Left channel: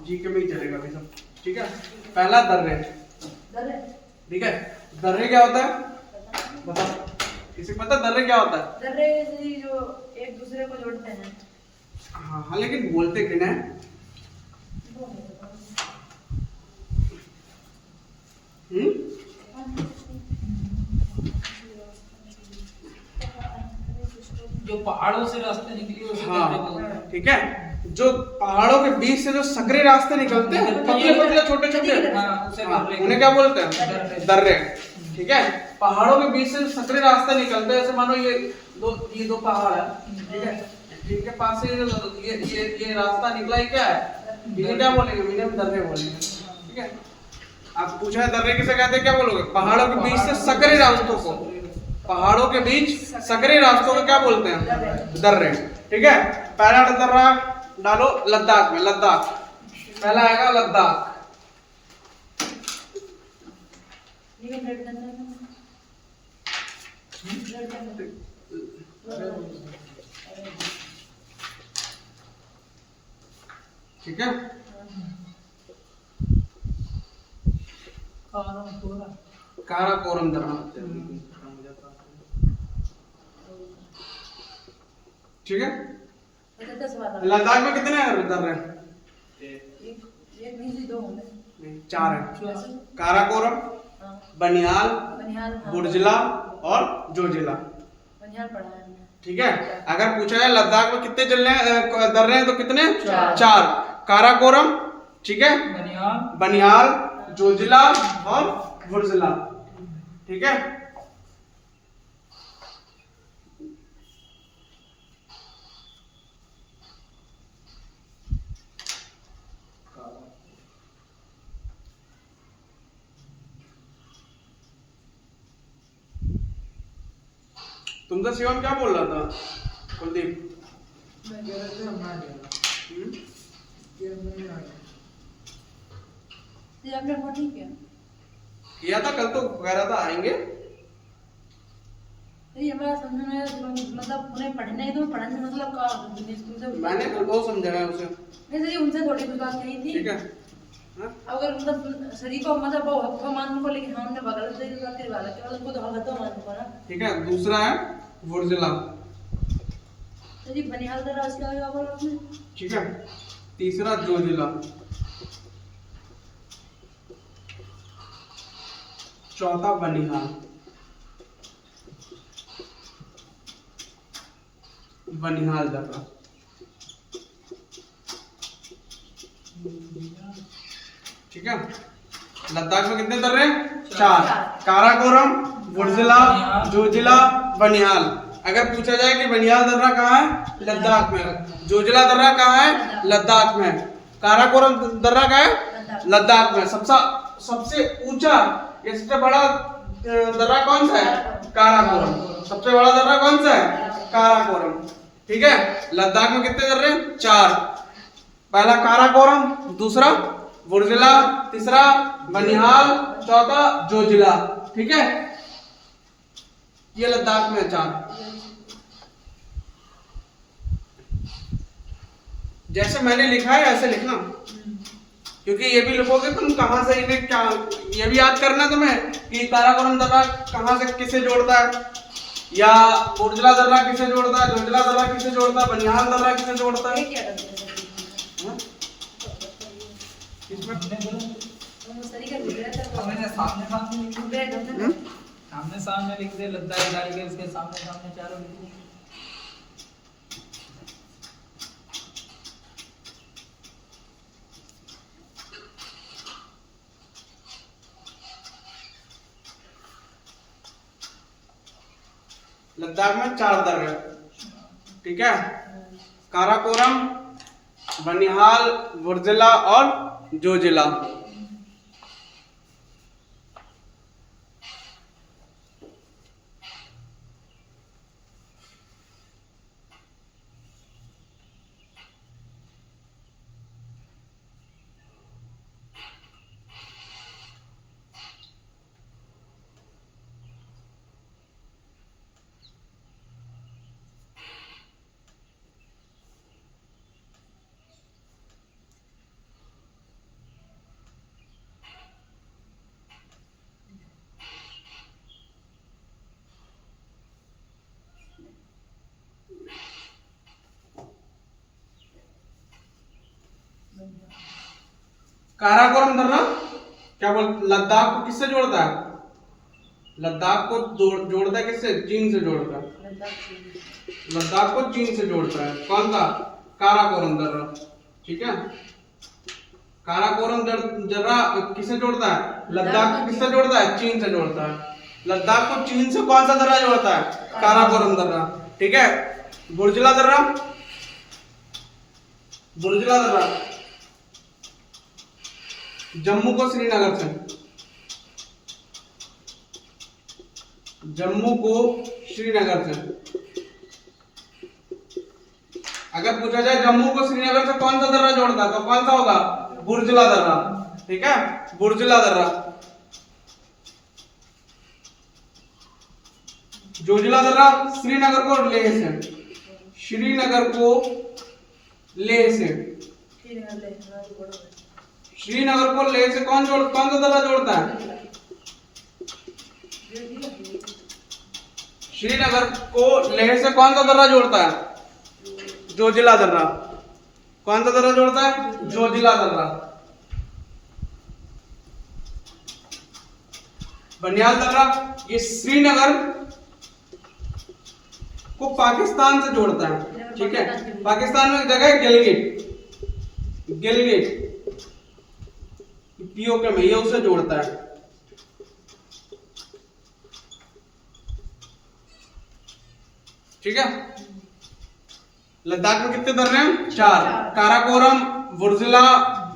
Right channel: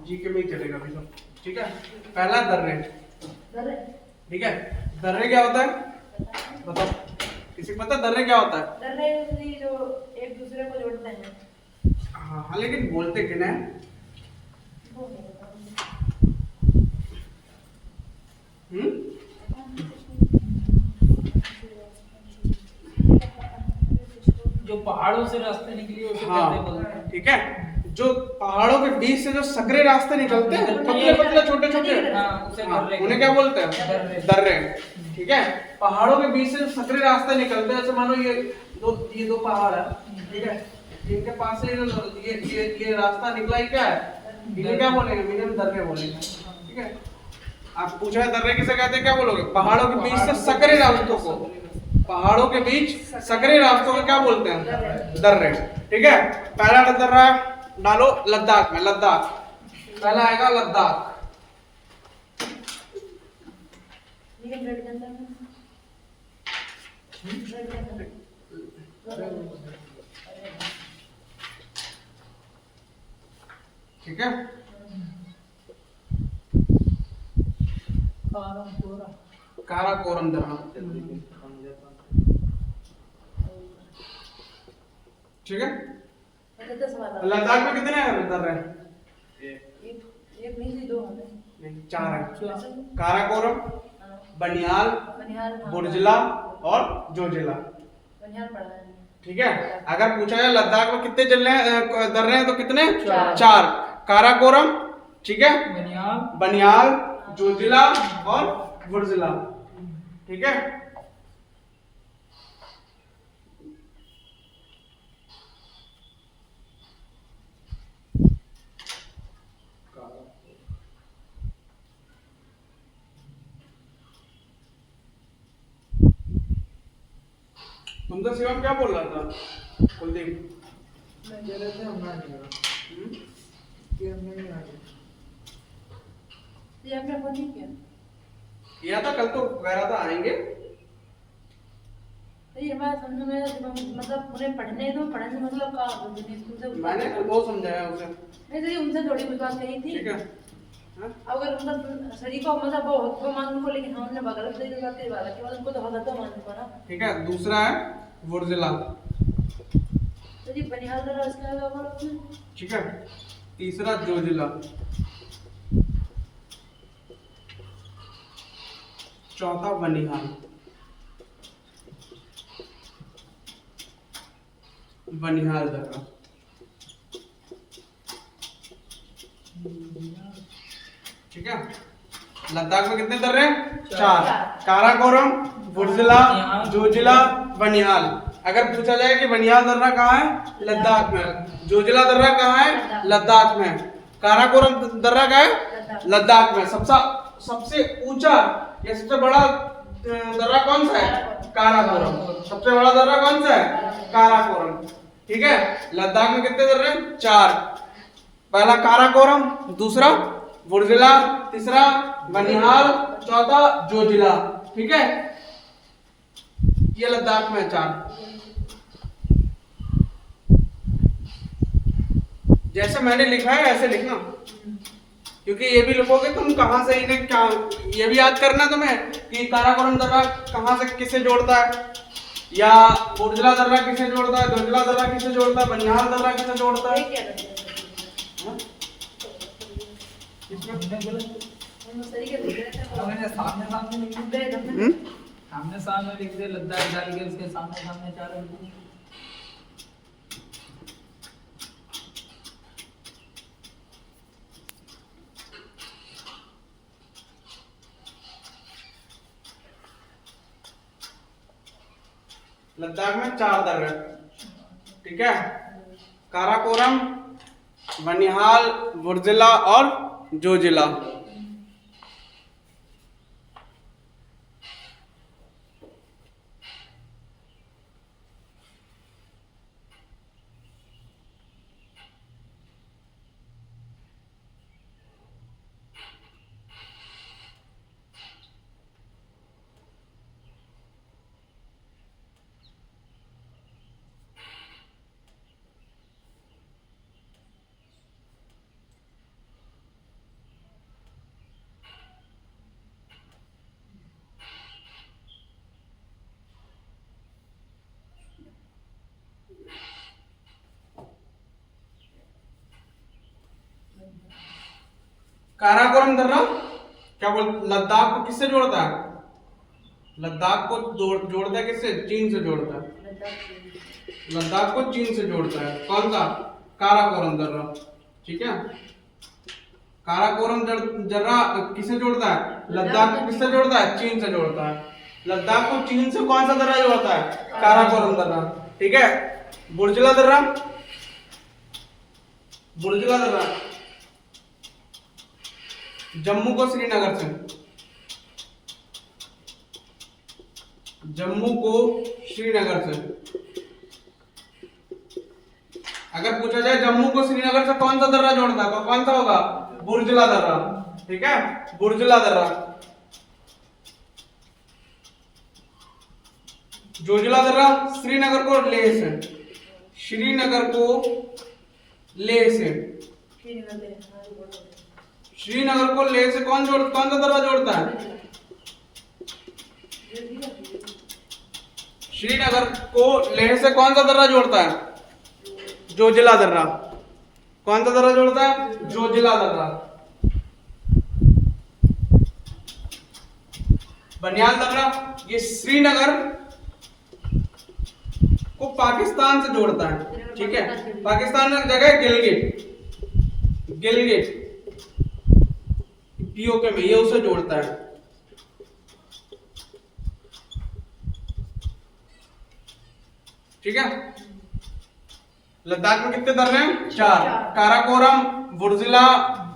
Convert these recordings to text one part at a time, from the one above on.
GK में ही चलेगा अभी सब। ठीक है, पहला दर्रे। ठीक है, दर्रे क्या होता है बताओ, किसी को पता दर्रे क्या होता है? दर्रे जो एक दूसरे को जोड़ते हैं। हाँ हाँ, लेकिन बोलते किन्हें हैं? जो पहाड़ों से रास्ते निकली उसे दर्रे हाँ बोलते हैं। ठीक है, जो पहाड़ों के बीच से जो सकरे रास्ते निकलते हैं, पतले पतले छोटे छोटे, उसे हाँ, दर्रे उन्हें क्या बोलते हैं? दर्रे। दर्रे। ठीक है, पहाड़ों के बीच से सकरे रास्ते निकलते हैं, जैसे मानो ये दो पहाड़ है, ठीक है, इनके पास से ये रास्ता निकला ही क्या है, इन्हें क्या बोलेंगे? इन्हें हम दर्रे बोलेंगे। ठीक है, आप पूछा है दर्रे किसे कहते हैं, क्या बोलोगे? पहाड़ों के बीच से सकरे रास्तों को, पहाड़ों के बीच सकरे रास्तों को क्या बोलते हैं? दर्रे। ठीक है, पहला दर्रा डालो लद्दाख में, लद्दाख पहला आएगा, लद्दाख। ठीक है, काराकोरम दर्रा। ठीक है, लद्दाख में कितने दर्रे हैं? एक नहीं, दो होंगे। नहीं, 4 है। काराकोरम, बनिहाल, बनिहाल, हाँ। बुर्जिला और जोजिला। बनिहाल पड़ा है। ठीक है, अगर पूछा जाए लद्दाख में कितने दर्रे हैं तो कितने? 4। 4। काराकोरम, ठीक है, बनियाल, बनिहाल, जोजिला और बुर्जिला। ठीक है, तुमसे शिवम क्या बोल रहा था कुलदीप? मैं कह रहा था हमारे ये नहीं आ रहा। ये आपने फोन नहीं किया? किया था, कल तो कह रहा था आएंगे। तो ये हमारा समझ में मतलब उन्हें पढ़ने दो, पढ़ने से मतलब क्या होता है स्कूल से? मैंने कल बहुत समझाया उसे। नहीं सही, उनसे थोड़ी कुछ बात कही थी। ठीक है, हाँ? अगर मतलब शरीर को मतलब वो मान को, लेकिन हमने बगल से बात करी वाला के बाद उनको तो हक तो मान को ना। ठीक है, दूसरा है बुर्जिला। तो जी बनिहाल दर्रा इसका आएगा बोला आपने। ठीक है, तीसरा जोजिला, चौथा बनिहाल, बनिहाल दर्रा। ठीक है, लद्दाख में कितने दर्रे? 4। काराकोरम, बुर्जिला, जोजिला, बनिहाल। अगर पूछा जाए कि बनिहाल दर्रा कहाँ है? लद्दाख में। जोजिला दर्रा कहाँ है? लद्दाख में। काराकोरम दर्रा कहाँ है? लद्दाख में। सबसे ऊंचा या सबसे बड़ा दर्रा कौन सा है? काराकोरम। सबसे बड़ा दर्रा कौन सा है? काराकोरम। ठीक है, लद्दाख में कितने दर्रे? 4। पहला काराकोरम, दूसरा बुर्जिला, तीसरा बनिहाल, चौथा जोजिला। ठीक है, ये लद्दाख में 4। जैसे मैंने लिखा है ऐसे लिखना, क्योंकि ये भी लिखोगे तुम कहां से इन्हें क्या, ये भी याद करना तुम्हें कि काराकोरम दर्रा कहां से किसे जोड़ता है, या बुर्जिला दर्रा किसे जोड़ता है, जोजिला दर्रा किसे जोड़ता है, बनिहाल दर्रा किसे जोड़ता है। क्या करते हैं? उस तरीके से लिख रहा था। मैंने सामने सामने लिख दिया, सामने सामने लिख दे, लद्दाख डाल के उसके सामने सामने चारों लिख दे। लद्दाख में 4 दर्रे। ठीक है, काराकोरम, बनिहाल, बुर्जिला और जोजिला। काराकोरम दर्रा क्या बोल, लद्दाख को किससे जोड़ता है? लद्दाख को जोड़ता है किससे? चीन से जोड़ता है। लद्दाख को चीन से जोड़ता है कौन सा? काराकोरम दर्रा। ठीक है, काराकोरम दर्रा किससे जोड़ता है? लद्दाख को किससे जोड़ता है? चीन से जोड़ता है। लद्दाख को चीन से कौन सा दर्रा जोड़ता है? काराकोरम दर्रा। ठीक है, बुर्जला दर्रा, बुर्जला दर्रा जम्मू को श्रीनगर से, जम्मू को श्रीनगर से अगर पूछा जाए जम्मू को श्रीनगर से कौन सा दर्रा जोड़ता है तो कौन सा होगा? बुर्जला दर्रा। ठीक है, बुर्जला दर्रा। जोजिला दर्रा श्रीनगर को लेह से, श्रीनगर को लेह से, श्रीनगर को लेह से कौन सा दर्रा जोड़ता है? श्रीनगर को लेह से कौन सा दर्रा जोड़ता है? जोजिला दर्रा। कौन सा दर्रा जोड़ता है? जोजिला दर्रा। बनियाल दर्रा ये श्रीनगर को पाकिस्तान से जोड़ता है। ठीक है, पाकिस्तान में जगह है गिलगिट, गिलगिट पीओके में, ये उसे जोड़ता है। ठीक है, लद्दाख में कितने दर्रे हैं? 4। काराकोरम, बुर्जिला,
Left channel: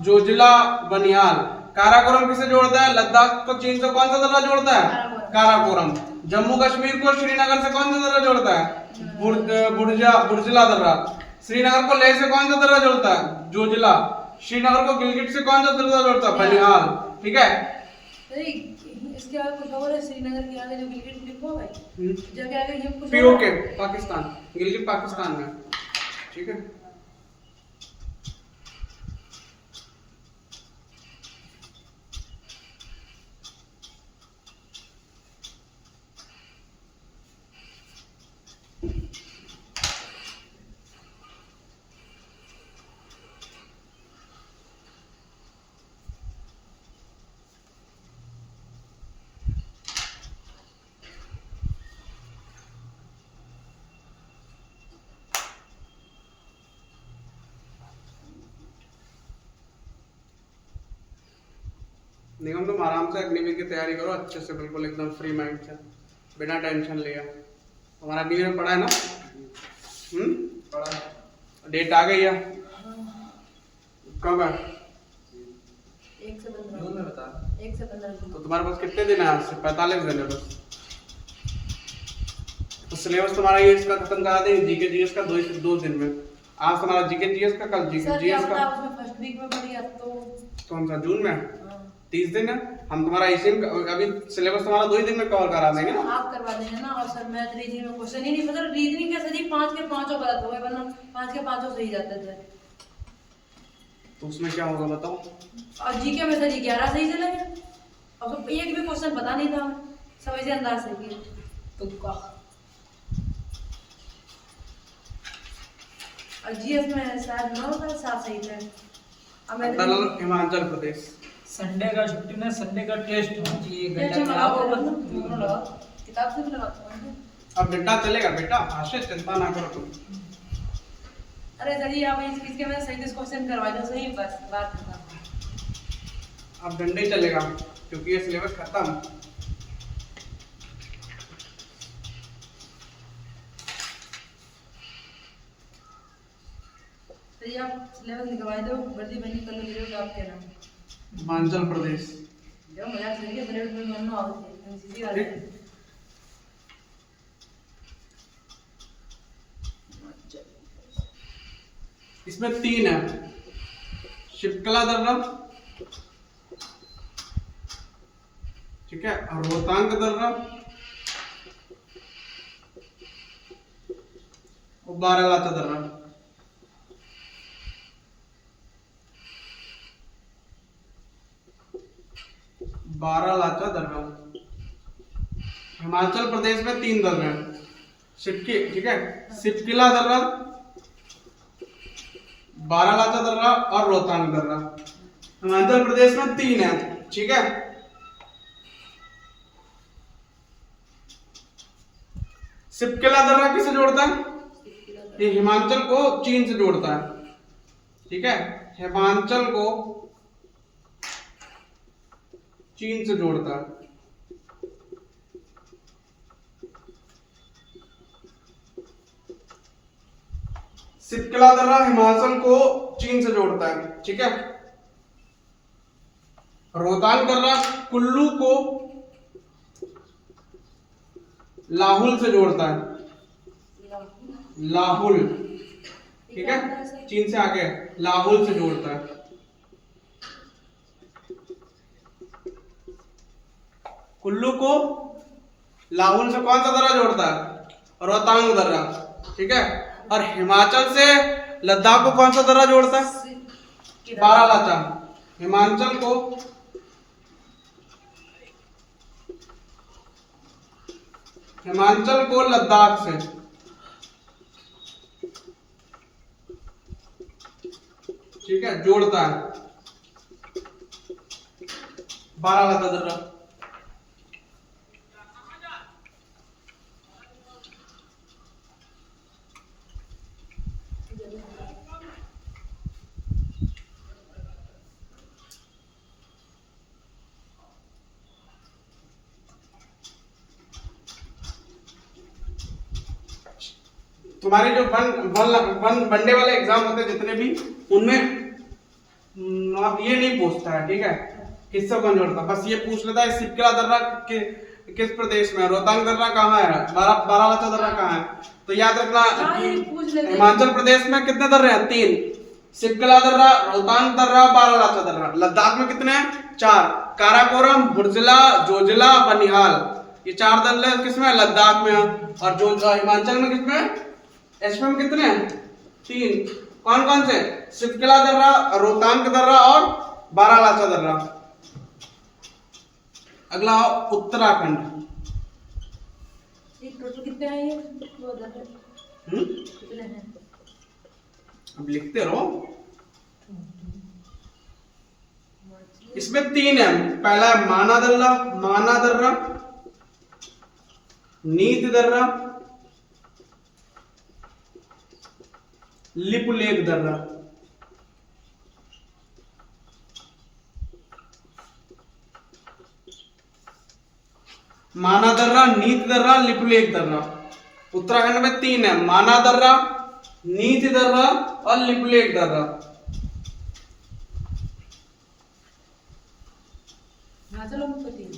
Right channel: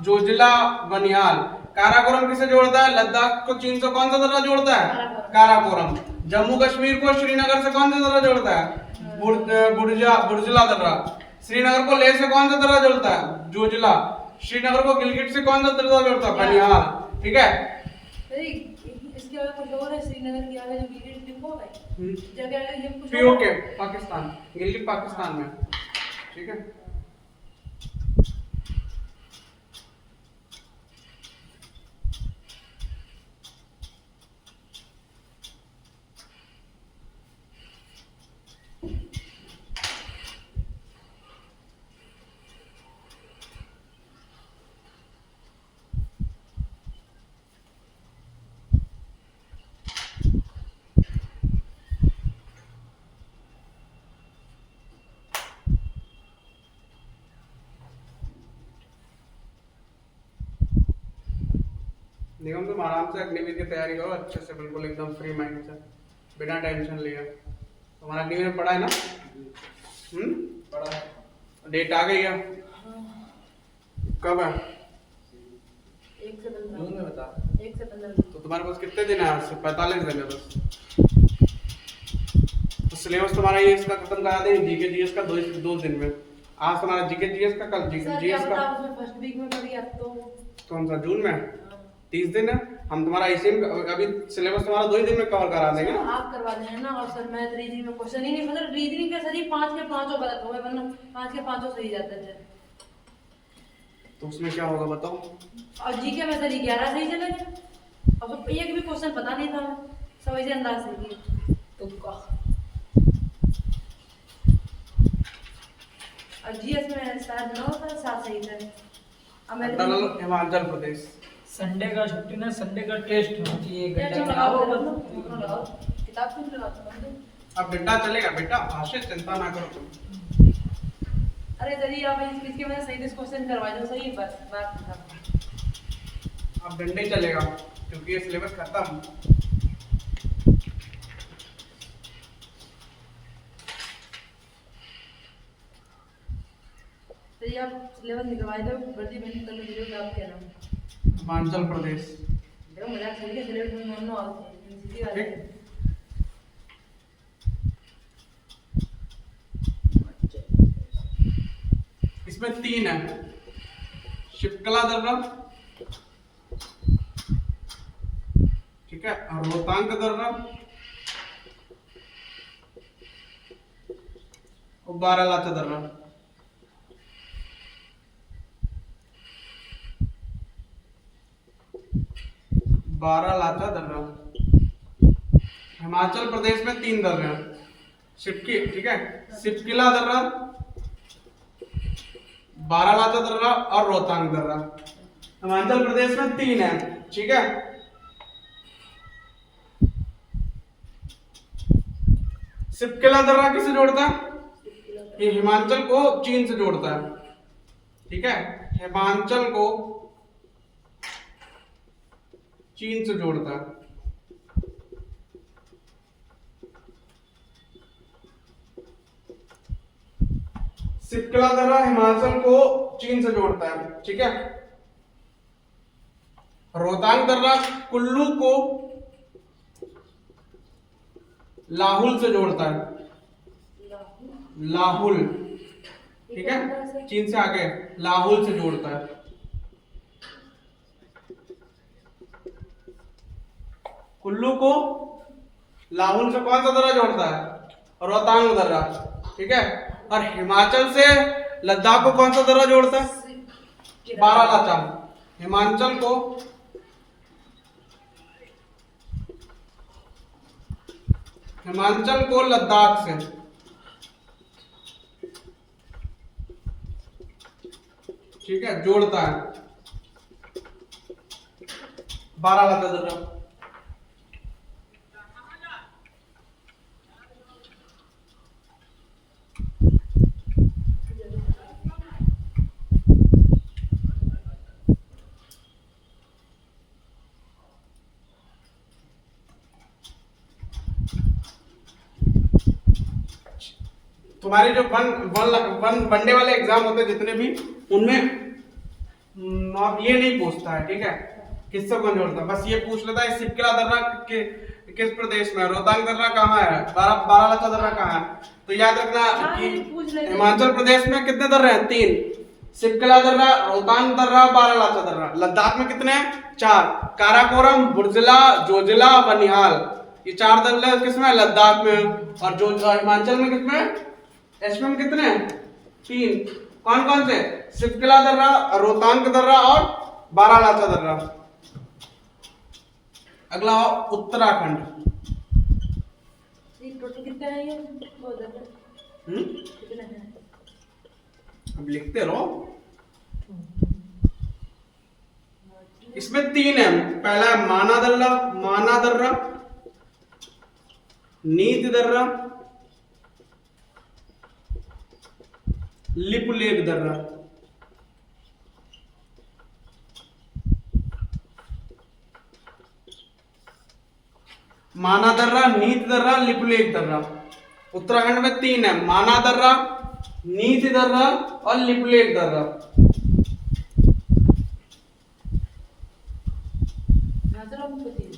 जोजिला, बनिहाल। काराकोरम किसे जोड़ता है? लद्दाख को चीन से कौन सा दर्रा जोड़ता है? काराकोरम। जम्मू कश्मीर को श्रीनगर से कौन सा दर्रा जोड़ता है? बुर्जिला दर्रा। श्रीनगर को लेह से कौन सा दर्रा जोड़ता है? जोजिला। श्रीनगर को गिलगिट से कौन सा दर्रा जोड़ता है? बनिहाल। ठीक है, इसके आगे कुछ और है, श्रीनगर के आगे जो गिलगिट लिखा हुआ है जगह आगे ये कुछ पीओके पाकिस्तान, गिलगिट पाकिस्तान में। ठीक है, निगम तुम आराम से अग्निवीर की तैयारी करो अच्छे से, बिल्कुल एकदम फ्री माइंड से, बिना टेंशन लिए। हमारा अग्निवीर में पढ़ा है ना? पढ़ा। डेट आ गई है? कब है? 1 से 15 जून में बता। 1 से 15 तो तुम्हारे पास कितने दिन है? आज से 45 दिन है बस। तो सिलेबस तुम्हारा ये इसका खत्म करा देंगे, जीके जीएस का 2 दिन में। आज तुम्हारा जीके जीएस का, कल जीके जीएस का। उसमें फर्स्ट वीक में पढ़ी अब तो कौन सा? जून में 30 दिन है। हम तुम्हारा इसी में अभी सिलेबस तुम्हारा 2 ही दिन में कवर करा देंगे ना। आप करवा देंगे ना। और सर मैथ रीजनिंग में क्वेश्चन ही नहीं, मतलब रीजनिंग के सर ही 5 के 5 गलत हो गए, वरना 5 के 5 सही जाते थे। तो उसमें क्या होगा बताओ? और जीके में सर ही 11 सही चले गए। अब तो एक भी क्वेश्चन पता नहीं था, सब ऐसे अंदाज से किए तुक्का। और जीएस में शायद 9 था, 7 सही थे। अब मैं हिमाचल प्रदेश संडे का छुट्टी ना, संडे का टेस्ट होना चाहिए 1 घंटा क्या लगाओ लगाओ बस। किताब से भी लगाता हूँ। अब बेटा चलेगा बेटा, भाषा चिंता ना करो तुम। अरे सर ये आप इसके मैंने सही क्वेश्चन करवा दो, सही बस बात खत्म। अब डंडे ही चलेगा क्योंकि ये सिलेबस खत्म। तो ये आप सिलेबस निकलवा दो, वर्दी बनी कर लो आपके नाम। हिमाचल प्रदेश देखो मजाक सही है, सिलेबस में मानो आओ सीधी बात है। इसमें 3 है, शिपकला दर्रा, ठीक है, और रोहतांग दर्रा और बारालाचा दर्रा। बारालाचा दर्रा हिमाचल प्रदेश में 3 दर्रे हैं। सिपकी, ठीक है, सिपकिला दर्रा, बारालाचा दर्रा और रोहतांग दर्रा। हिमाचल प्रदेश में 3 है, ठीक है। सिपकिला दर्रा किसे जोड़ता है? ये हिमाचल को चीन से जोड़ता है, ठीक है। हिमाचल को चीन से जोड़ता है। सिपकिला दर्रा हिमाचल को चीन से जोड़ता है, ठीक है। रोहतांग दर्रा कुल्लू को लाहुल से जोड़ता है, लाहुल, ठीक है। चीन से आगे लाहुल से जोड़ता है। कुल्लू को लाहुल से कौन सा दर्रा जोड़ता है? रोहतांग दर्रा, ठीक है। और हिमाचल से लद्दाख को कौन सा दर्रा जोड़ता है? बारालाचा। हिमाचल को लद्दाख से, ठीक है, जोड़ता है बारालाचा दर्रा। तुम्हारे जो वनडे वाले एग्जाम होते हैं जितने भी, उनमें ये नहीं पूछता है, ठीक है, किससे कौन जोड़ता, बस ये पूछ लेता है सिपकिला दर्रा किस प्रदेश में है, रोहतांग दर्रा कहाँ है, बारालाचा दर्रा कहाँ है। तो याद रखना कि हिमाचल प्रदेश में कितने दर्रे हैं? 3, सिपकिला दर्रा, रोहतांग दर्रा, बारालाचा दर्रा। लद्दाख में कितने हैं? 4, काराकोरम, बुर्जिला, जोजिला, बनिहाल। ये 4 दर्रे किसमें? लद्दाख में। और जो हिमाचल में किसमें? एचपी में कितने हैं? 3। कौन कौन से? सिपकिला दर्रा, रोहतांग दर्रा और बारालाचा दर्रा। अगला उत्तराखंड। कितने हैं ये? कितने हैं? अब लिखते रहो। इसमें 3 है। पहला है माना दर्रा, नीत दर्रा, लिपुलेख दर्रा। माना दर्रा, नीत दर्रा, लिपुलेख दर्रा। उत्तराखंड में 3 है, माना दर्रा, नीत दर्रा और लिपुलेख दर्रा। हिमाचल में 3